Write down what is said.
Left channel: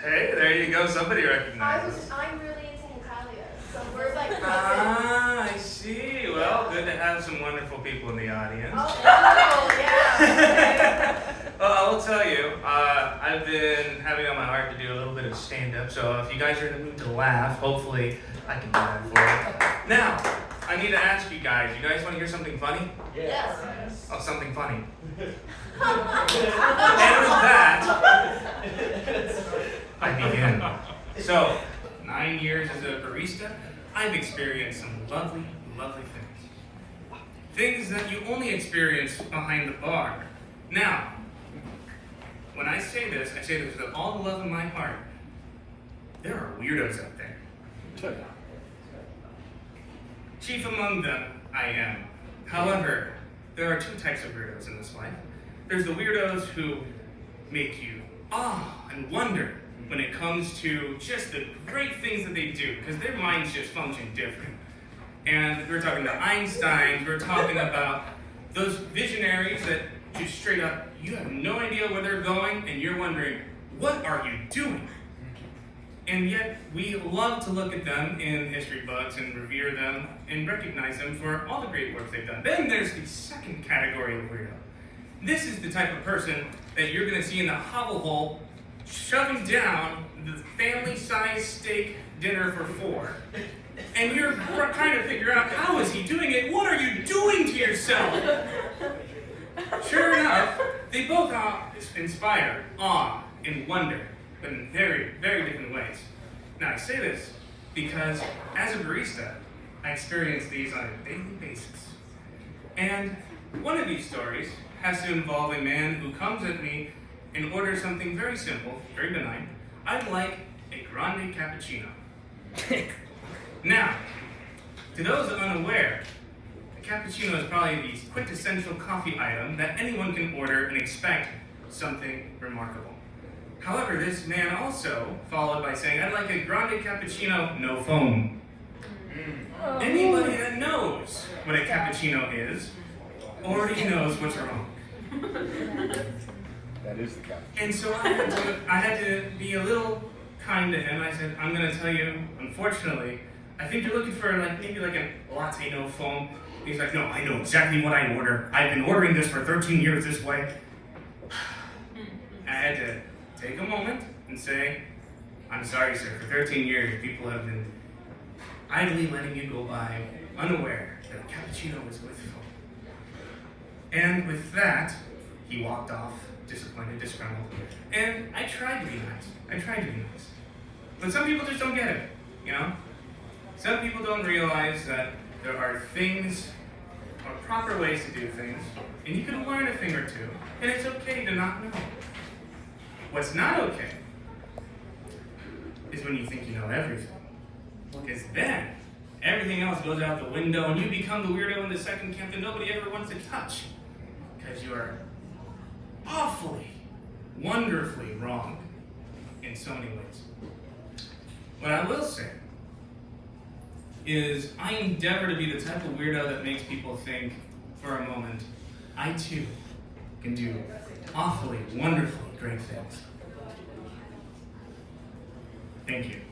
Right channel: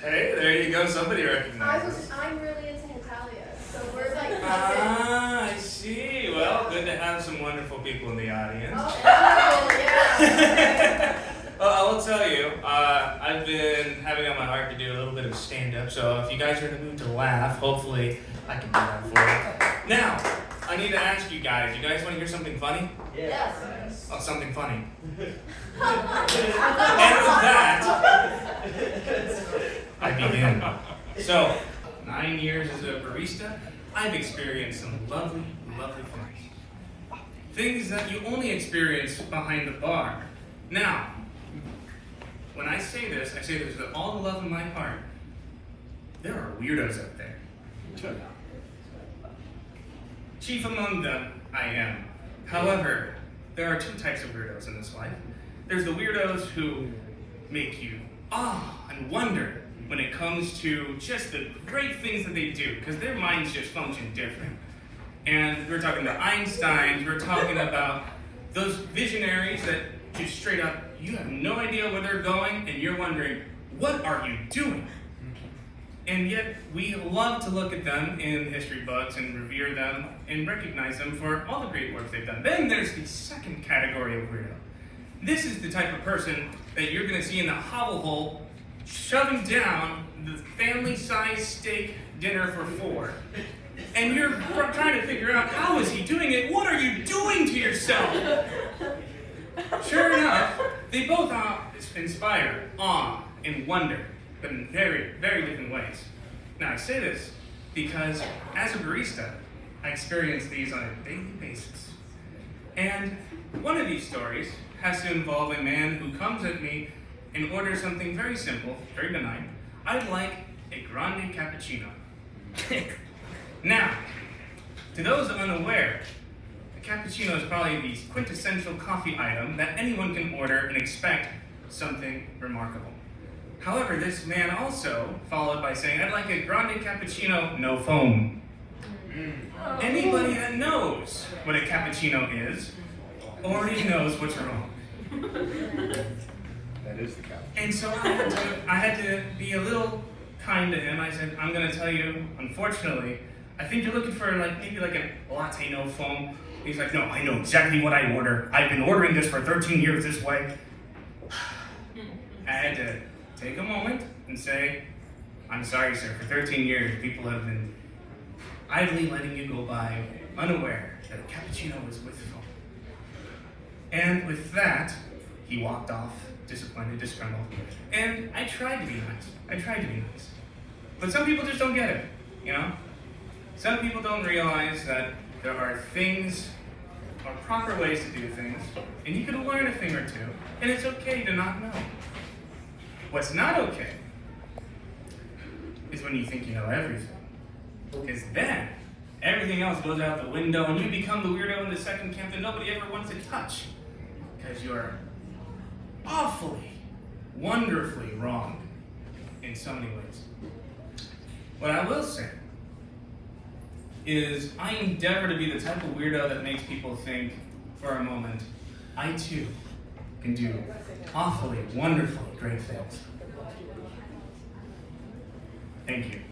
Hey, there you go. Somebody recognizes. I'm really into Natalia, so we're like. Ah, I see. Well, good to have some wonderful people in the audience. Oh, yeah. Well, I will tell you, I've been having on my heart to do a little bit of stand-up, so if you guys are in the mood to laugh, hopefully I can do that for you. Now, I need to ask you guys want to hear something funny? Yes. Oh, something funny. And with that, I begin. So, 9 years as a barista, I've experienced some lovely, lovely things. Things that you only experience behind the bar. Now, when I say this with all the love in my heart. There are weirdos out there. Chief among them, I am. However, there are two types of weirdos in this life. There's the weirdos who make you awe and wonder when it comes to just the great things that they do, because their minds just function different. And we're talking about Einsteins, we're talking about those visionaries that just straight up, you have no idea where they're going, and you're wondering, what are you doing? And yet, we love to look at them in history books and revere them and recognize them for all the great work they've done. Then there's the second category of weirdo. This is the type of person that you're going to see in the hovel hole shoving down the family-sized steak dinner for 4. And you're trying to figure out, how is he doing it? What are you doing to yourself? Sure enough, they both inspire awe and wonder, but in very, very different ways. Now, I say this because as a barista, I experience these on a daily basis. And one of these stories has to involve a man who comes at me and orders something very simple, very benign. I'd like a grande cappuccino. Now, to those unaware, a cappuccino is probably the quintessential coffee item that anyone can order and expect something remarkable. However, this man also followed by saying, I'd like a grande cappuccino, no foam. Anybody that knows what a cappuccino is already knows what's wrong. That is the cappuccino. And so I had to be a little kind to him. I said, I'm going to tell you, unfortunately, I think you're looking for maybe a latte no foam. He's like, no, I know exactly what I order. I've been ordering this for 13 years this way. I had to take a moment and say, I'm sorry, sir. For 13 years, people have been idly letting you go by, unaware that a cappuccino is with foam. And with that, he walked off, disappointed, disgruntled. And I tried to be nice. But some people just don't get it, you know? Some people don't realize that there are things, or proper ways to do things, and you can learn a thing or two, and it's okay to not know. What's not okay is when you think you know everything. Because then, everything else goes out the window, and you become the weirdo in the second camp that nobody ever wants to touch. Because you're awfully, wonderfully wrong in so many ways. What I will say is I endeavor to be the type of weirdo that makes people think for a moment, I too can do awfully, wonderfully great things. Thank you.